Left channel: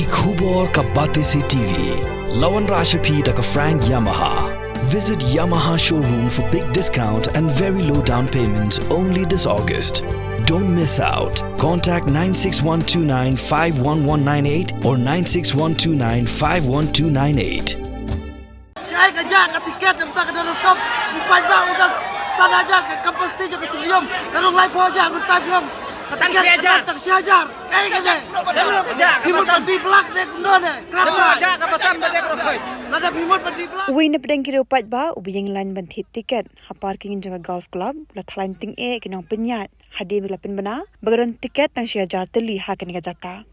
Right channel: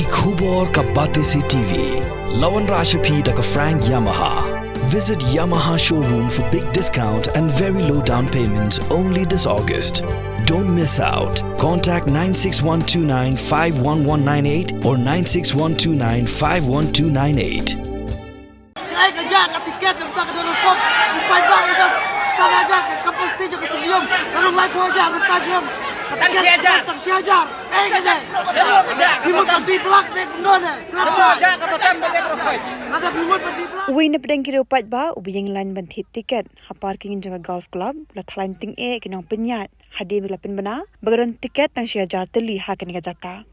ki khubor ka bate se TV. Lawan Rashapi taka Frank Yamaha. Visit Yamaha showroom for big discount and very low down payments only this August. Don't miss out. Contact 96129 51198 or 96129 51298. Saya kerja kat tiket yang bukan dalam kop. Bukan bang udah tak aja ke kapasiti je ke stadium. Kalau lai boja bukan stadium. Tak siajar. Tak siajar. Kerja. Bimut di blok dek nona. Kerja ke pasar bagi prosoi. Ada bimut di blok. Uwi na pedang kira upat ba ubi yang lain banthit tiket ha parking janga golf club la thalain ting e kinong penyat hadi mila penbana bagaron tiket tang siajar teli ha kini jaka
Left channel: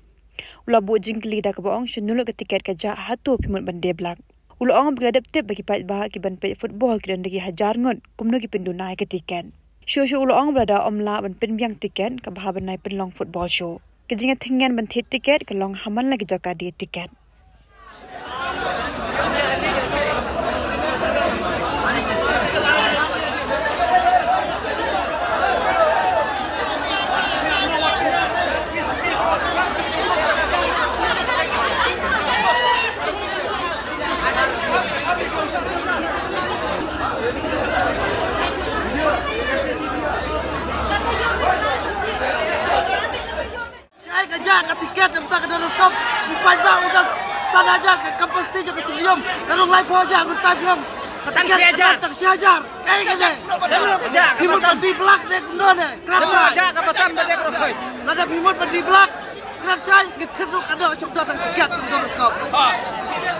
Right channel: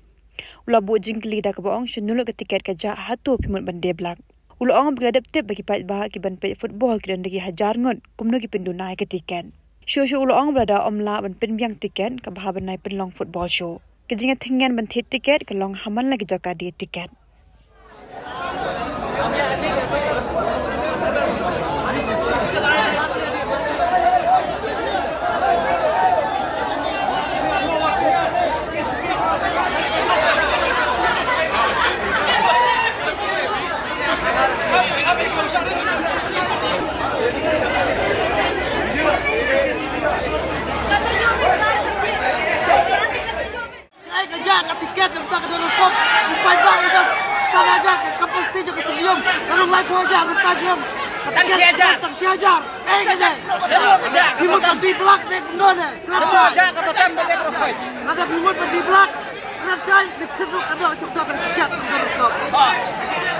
ula bu jingkli da ka baong shenulu ke tiket ka ja hatu pimut bande blak ula ong beradap tip bagi pat ba ki ban pe football ki dan dagi hajar ngot kumno ki pendunai ke tiket show ula ong berada omla ban penbiang tiket ka bahaban nai penlong football show kejinga thingan banthit tiket ka long haman lagi jaka di tiket. Saya kerja kat tiket yang bukan dalam kop. Bukan bang udah tak aja ke kapasiti je ke stadium. Kalau lai boja bukan stadium. Tak siajar. Tak siajar. Kerja. Kerja. Bimut di blok dek nona. Kerja ke pasar bagi prosoi. Ada bimut di blok. Kalau saya diteruk ada sudah kat tiket yang dalam kop.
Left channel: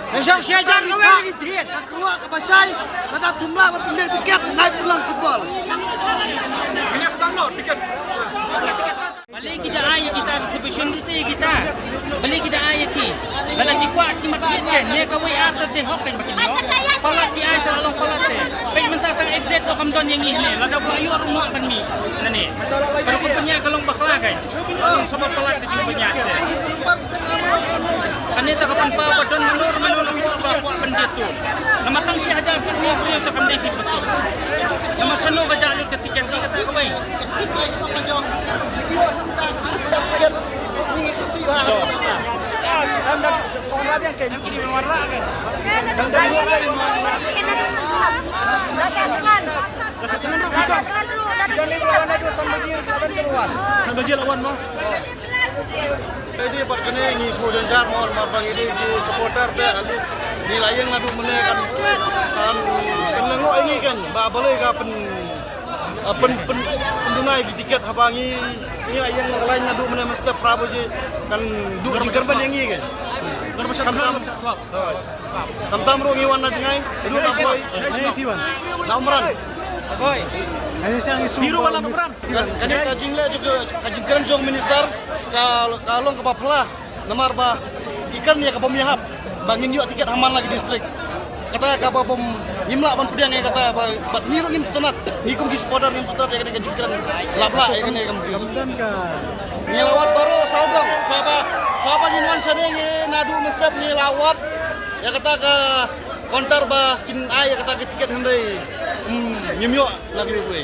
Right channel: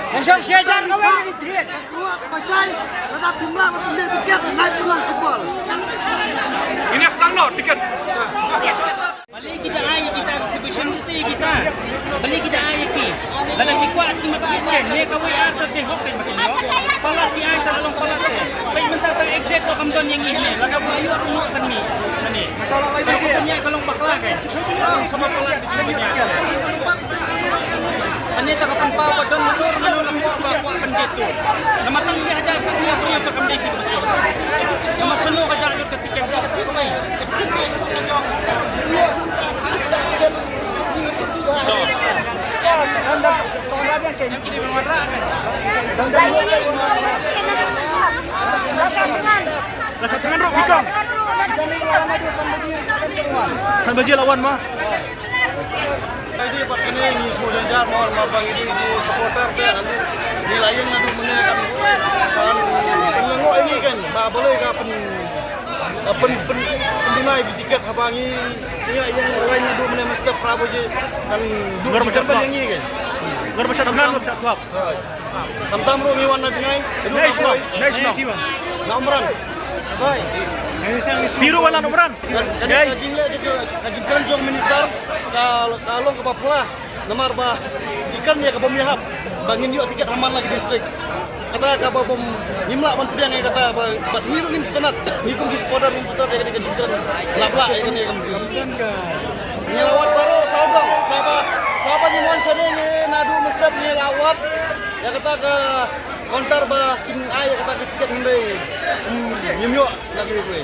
Masuk siajar kau ini tiket. Keluar ke pasar. Ada jumlah pembeli tiket naik pulang football. Ini yang download tiket. Balik kita ayah kita distribution kita. Balik kita ayah ki. Balik kuat ki matlikan. Dia kawai arter de hoken makin yo. Palat ki ayah terlalu palat eh. Baik mentah tang exit lo kamdon yang ini. Laga buayu arungo kan mi. Nani. Kalau kau punya kalong bakla kan. Kalong sama palat itu punya. Kani tak kapan pau badon menur bawa pendetu. Nama tang si aja punya untuk kami fit besul. Nama seno kajak lu ketika kita kawai. Sanbaji lawan mah. Jadi buat kini ni semua dengar mohon maaf bang ini di supporter tu alis nilai yang ngadu menekan menengok ini kan bah boleh ke pendunai di tiket habangi ingat yang lain ngadu menekan mesti prabu je kan dua cerban yang ini kan Gor masyad nan mo sa swap. tam ro ngiwan na jengay dulu boy nomran Boy. Biru wala nomran. Kani kajing le juga kajing kanjong minister kalong ke Papua namar bah ikan ya ke pemihap bangin yuk tiket haman lagi distrik kata ka bom nimla ban pudang ya kata bat miru ngin stenat nikum di spodar ngin stenat ya kajing kan labla ini ni kam ngelawat baru saudang siapa jinwan sane ni nadu mestap ngelawat ya kata ke konter bah kin ay kata ke tiket hindai nyimyo lagi gue